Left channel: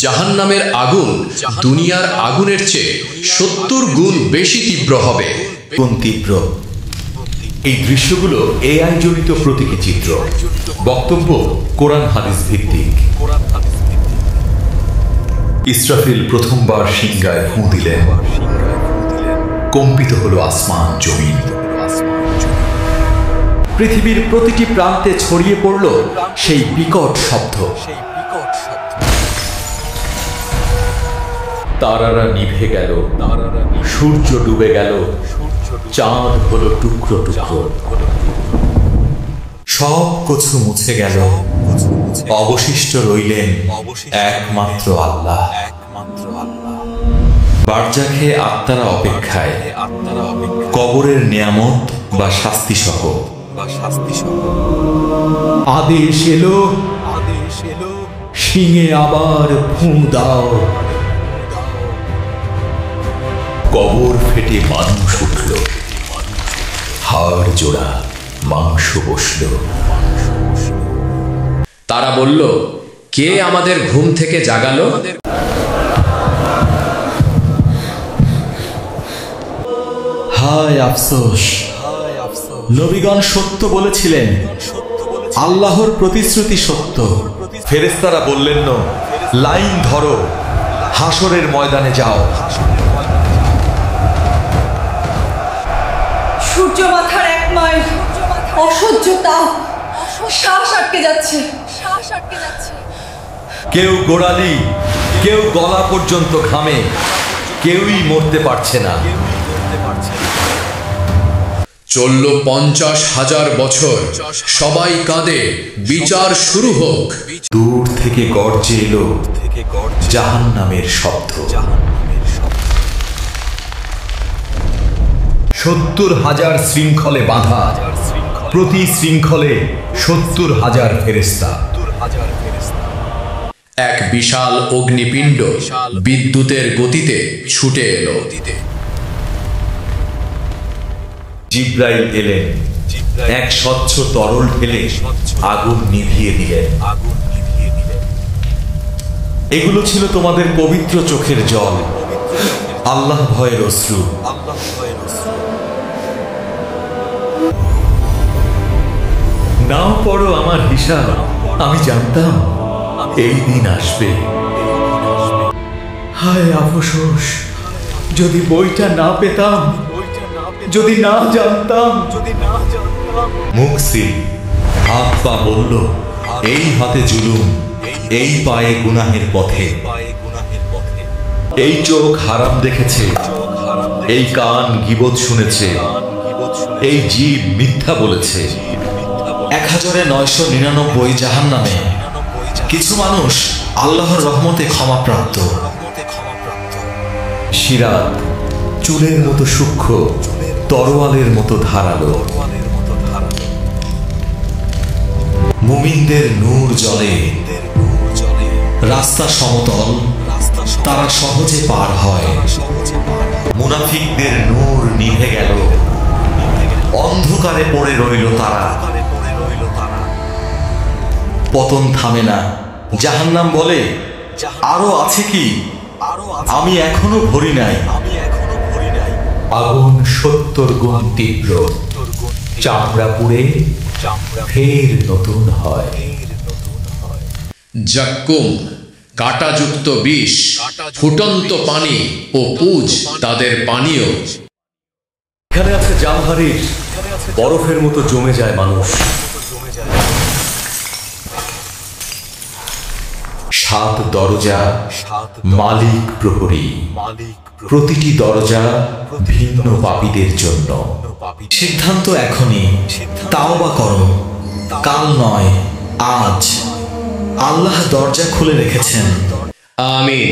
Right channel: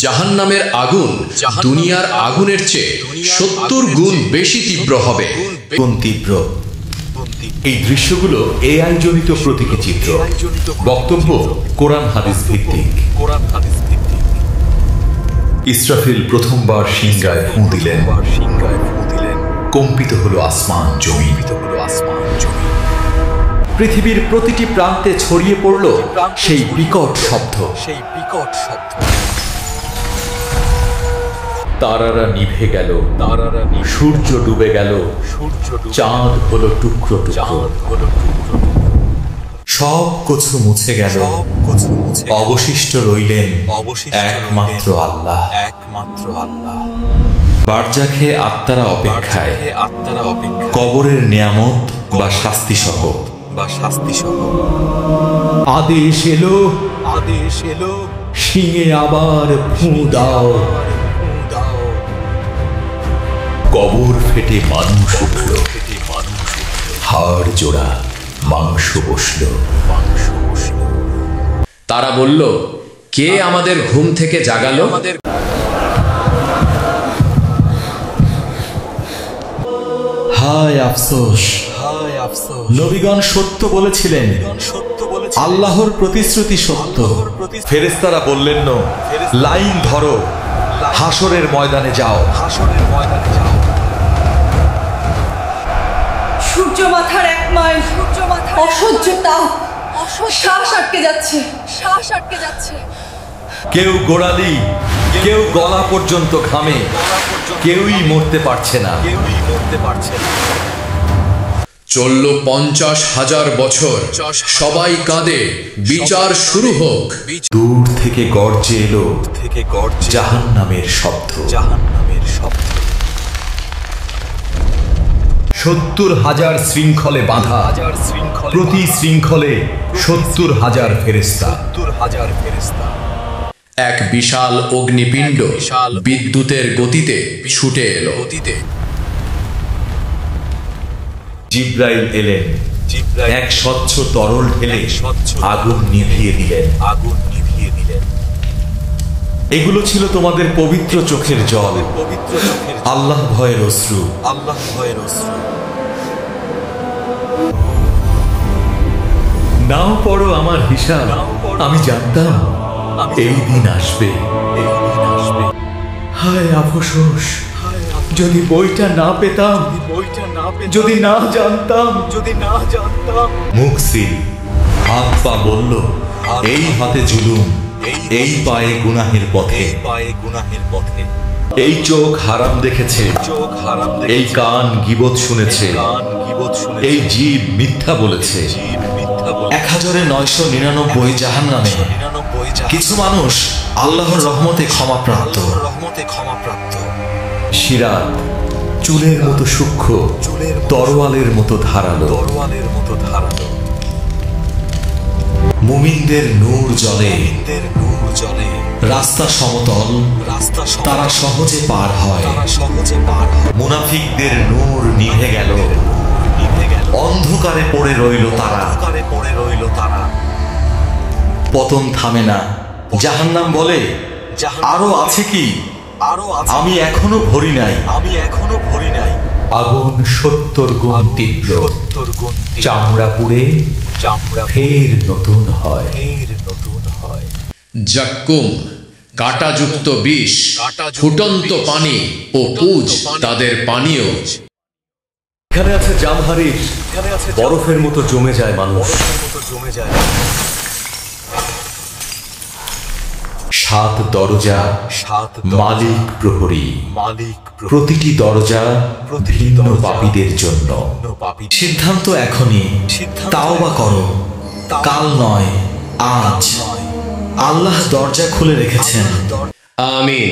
জাহান্নামের আগুন দুনিয়ার আগুনের চেয়ে ৭০ গুণ বেশি তীব্র হবে। কোন তীব্র? এই দৃশ্যগুলো এআই জনিত প্রতীকী চিত্র। বক্তব্য কোরআন হাদিস ভিত্তিক। ইসরাফিল প্রথমবার সিংগায় ফুঁ দিলেন। কম্পিত হলো আসমান জমিন। পৃথিবীর প্রতিটি প্রান্তে ছড়িয়ে পড়ল সেই বিকট শব্দ। তারারা নিভে গেল, সূর্য ডুবে গেল, চাঁদ হলো টুকরো টুকরো। সব কিছু মুছে গেল, অবশিষ্ট রইলেন একমাত্র আল্লাহ। বারজাখে আত্মারা অপেক্ষায়, কবরের নিয়ামত বা শাস্তি সহ। আদেশ এলো, শিঙে আবার ফুঁ দাও। কবর ফেটে মানুষ উঠল, হাড় জোড়া মাংস বসল। তারা বলল, কে আমাদের ঘুম থেকে জাগালো? হায় আফসোস! নবীগণ সত্য বলেছিলেন, আল্লাহর প্রতিশ্রুতি সত্য। ফেরেশতারা বললেন, লাইন ধরো, হাসরের ময়দানে যাও। সূর্য মাথার 1 মাইল, অসহ্য তাপ, শ্বাস আটকে যাচ্ছে। কেউ গোড়ালি, কেউ গলা পর্যন্ত ঘামে, কেউই মরতে পারছে না। চলল ৫০,০০০ বছর, সবাই কাঁদে, বিচার শুরু হোক। দূর থেকে গর্জে এলো জাহান্নামের শব্দ। ৭০,০০০ শৃঙ্খলে বাঁধা, প্রতি শৃঙ্খলে ৭০,০০০ ফেরেশতা। এক বিশাল অগ্নিপিণ্ড বিদ্যুতের গতিতে ছুটে এলো। জিব্রাইল এলেন, এক স্বচ্ছ তরল ঢেলে আগুন নিভিয়ে দিলেন। এগুলো ছিল তোমাদের পবিত্র চোখের জল, আল্লাহ ভয়ের অশ্রু। নাও পড়ো আমার হিসাব, আমি জানতাম এই দিন আসবে। হায় আফসোস! যদি বইটা না পেতাম, যদি না জানতাম। মুখ সিল, হাত পা বলল, এই হাতে জুলুম, এই পায়ে গুনাহের পথে। এই চোখ হারাম দেখেছে, এই কান গীবত শুনেছে, এই জিভ মিথ্যা বলেছে। ১,৯৯৯ জাহান্নামে। কিছু মানুষ আল্লাহর রহমতে ক্ষমাপ্রাপ্ত। সিরাত চুলের মতো সূক্ষ্ম, তরোয়ালের মতো ধারালো। মুমিনদের নূর জ্বলে, রাস্তা সমতল, তারা সহজে পার হয়। মুনাফিকদের নূর নিভে গেল, অন্ধকারে পড়ে রইল তারা। পতন থামে না। জাহান্নাম বলে, আরো আছে কি? আমি এখনো ভরি নাই। আগুন ৭০ গুণ তীব্র, চামড়া পুড়ে ফের নতুন হয়। জাক্কুম, কাঁটাযুক্ত বিষ, ফুটন্ত পানি ও পুজ তাদের পানীয়। এখানে আছে জামহারির, বরফের মতো জমে যায় মানুষ। ৭ দরজা, মালিক প্রহরী। প্রতিটি দরজা ভিন্ন পাপীদের জন্য। সিদ্ধান্ত এখনই, তাওবা করো, কাল নয় আজ। আল্লাহ দরজা খুলে রেখেছেন। আমিন।